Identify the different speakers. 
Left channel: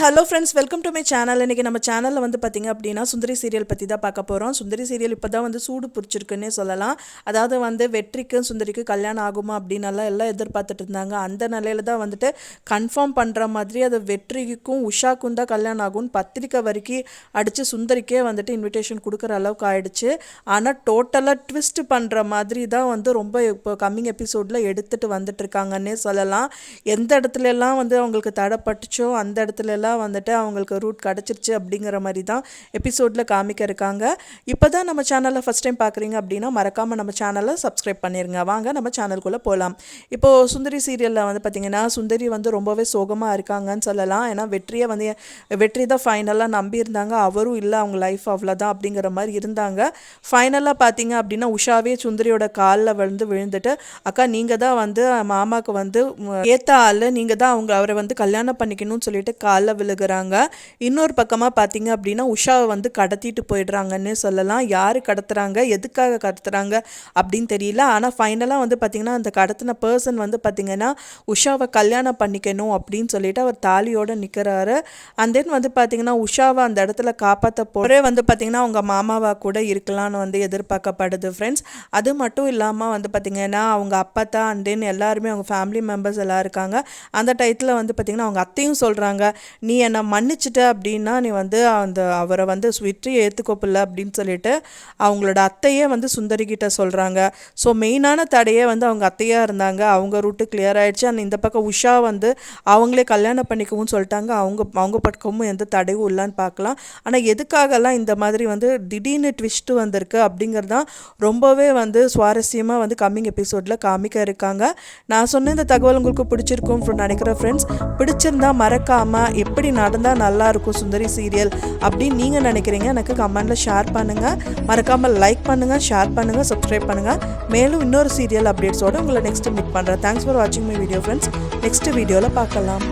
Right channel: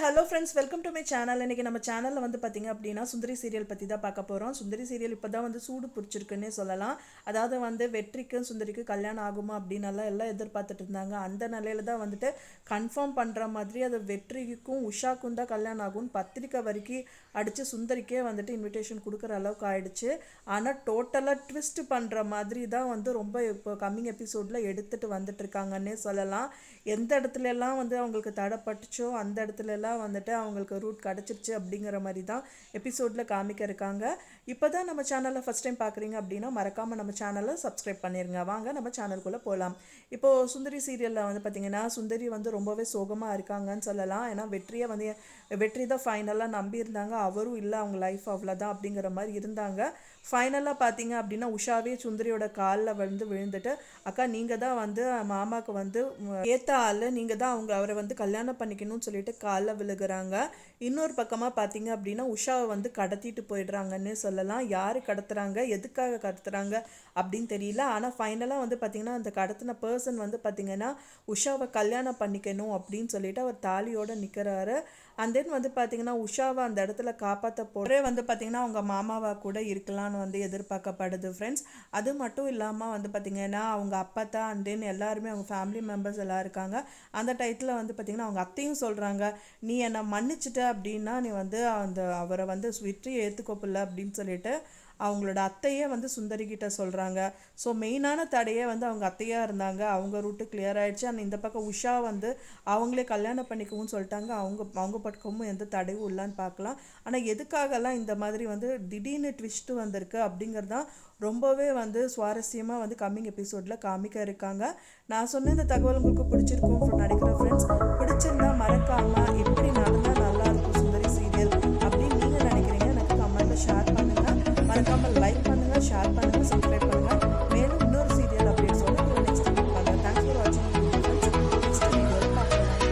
Speaker 1: Hello friends welcome to my channel. இன்றைக்கி நம்ம சேனலில் வந்து பார்த்திங்க அப்படின்னா சுந்தரி சீரியல் பற்றி தான் பார்க்க போகிறோம் சுந்தரி சீரியல் இப்போ தான் வந்து சூடு பிடிச்சிருக்குன்னே சொல்லலாம். அதாவது வந்து வெற்றிக்கு சுந்தரிக்கு கல்யாணம் ஆகுமா அப்படின்னலாம் எல்லாம் எதிர்பார்த்துட்டு இருந்தாங்க. அந்த நிலையில தான் வந்துட்டு கன்ஃபார்ம் பண்ணுற மாதிரி அது வெற்றிக்கும் உஷாக்கும் தான் கல்யாணம் ஆகும்னு பத்திரிக்கை வரைக்கும் அடித்து சுந்தரிக்கே வந்துட்டு இன்விடேஷன் கொடுக்குற அளவுக்கு ஆயிடுச்சு. ஆனால் டோட்டலாக ட்விஸ்ட் பண்ணுற மாதிரி தான் வந்து ரொம்ப இப்போ கம்மிங் எபிசோடில் எடுத்துகிட்டு வந்துட்டு இருக்காங்கன்னே சொல்லலாம். எந்த இடத்துலலாம் வந்து அவங்களுக்கு தடைப்பட்டுச்சோ அந்த இடத்துல தான் வந்துட்டு அவங்களுக்கு ரூட் கிடச்சிருச்சு அப்படிங்கிற மாதிரி தான் எபிசோடில் காமிக்க இருக்காங்க இப்போ தான் நம்ம சேனலை ஃபஸ்ட் டைம் பார்க்குறீங்க அப்படின்னா மறக்காமல் நம்ம சேனலை சப்ஸ்கிரைப் பண்ணிடுங்க வாங்க நம்ம சேனலுக்குள்ளே போகலாம் இப்போது சுந்தரி சீரியலில் வந்து பார்த்திங்கன்னா சுந்தரி வந்து ரொம்பவே சோகமாக இருக்காங்கன்னு சொல்லலாம். ஏன்னா வெற்றியை வந்து வெற்றி தான் ஃபைனலாக நம்பியிருந்தாங்க. அவரும் இல்லை அவங்க லைஃப் அவ்வளோதான் அப்படிங்கிற மாதிரி இருந்தாங்க. ஃபைனலாக பார்த்தீங்க அப்படின்னா உஷாவே சுந்தரியோட காலில் விழுந்து விழுந்துட்டு அக்கா நீங்கள் தான் வந்து மாமாவுக்கு வந்து ஏற்ற ஆள். நீங்கள் தான் அவங்க அவரை வந்து கல்யாணம் பண்ணிக்கணும்னு சொல்லிட்டு காலில் விழுகிறாங்க. இன்னொரு பக்கமாக பார்த்தீங்க அப்படின்னா உஷாவை வந்து கடத்திட்டு போயிடுறாங்கன்னு சொல்லலாம். யார் கடத்துறாங்க? எதுக்காக கடத்துறாங்க அப்படின்னு தெரியல. ஆனால் ஃபைனலாக வந்து பார்த்தீங்கன்னா அந்த கடத்தின பர்சன் வந்து பார்த்தீங்கன்னா உஷாவை கல்யாணம் பண்ணிக்கணும் அப்படின்னு சொல்லிட்டு அவர் தாலியோடு நிற்கிறாரு அண்ட் தென் வந்து பார்த்தீங்கன்னா உஷாவை அந்த இடத்துல காப்பாற்ற போகிறே வந்து பார்த்தீங்கன்னா அவங்க மாமாவா கூட இருக்கலாம்னு வந்து எதிர்பார்க்கப்படுது ஃப்ரெண்ட்ஸ் அது மட்டும் இல்லாமல் வந்து பார்த்தீங்கன்னா அவங்க அப்பத்தா அண்ட் தென் எல்லாருமே அவங்க ஃபேமிலி மெம்பர்ஸ் எல்லாம் இருக்காங்க. அந்த டயத்தில் வந்து பார்த்தீங்கன்னா அவங்க அத்தையும் சொல்கிறாங்க நீ நீ என்னை மன்னிச்சிட்ட அப்படின்னா நீ வந்து அந்த அவரை வந்து விற்று ஏற்றுக்கோப்பில்ல அப்படின்னு சொல்லிட்டு அவங்களோட அத்தையே வந்து சுந்தரிக்கிட்ட சொல்கிறாங்க ஸோ மெயினான தடையே வந்து அவங்க அத்தையாக இருந்தாங்க. அவங்க ரூட்டு கிளியர் ஆகிடுச்சு அண்ட் இந்த பக்கம் உஷா வந்து அவங்களே கல்யாணம் பண்ணிக்கவும் சொல்லிட்டாங்க. அவங்க அவங்க பக்கமும் எந்த தடையும் இல்லைன்னு பார்க்கலாம். ஆனால் எதுக்காகலாம் இந்த மாதிரி வந்து திடீர்னு ட்விஸ்ட்டு வந்திருக்கு அப்படிங்கிறது தான் ரொம்பவே வந்து சுவாரஸ்யமாக வந்து கம்மிங் எபிசோடில் காமிக்க இருக்காங்க. நான் சொன்ன இந்த தகவல் உங்களுக்கு பிடிச்சிருக்கும் நினைக்கிறேன் ஃப்ரெண்ட்ஸ் பிடிச்சிருந்தா மறக்காமல் எப்படி எப்படி நடந்தால் நல்லா இருக்கும் சுந்தரி சீரியல் அப்படின்னு நீங்கள் நினைக்கிறீங்க எனக்கு கமெண்டில் ஷேர் பண்ணுங்கள் மறக்காமல் லைக் பண்ணுங்கள் ஷேர் பண்ணுங்கள் சப்ஸ்கிரைப் பண்ணுங்கள் மேலும் இன்னொரு சீரியல் அப்டேட்ஸோடு உங்களை நெக்ஸ்ட் மீட் பண்ணுறேன் தேங்க்ஸ் ஃபார் வாட்சிங் மை வீடியோ ஃப்ரெண்ட்ஸ் நெக்ஸ்ட் வீடியோவில் பார்க்கலாம்.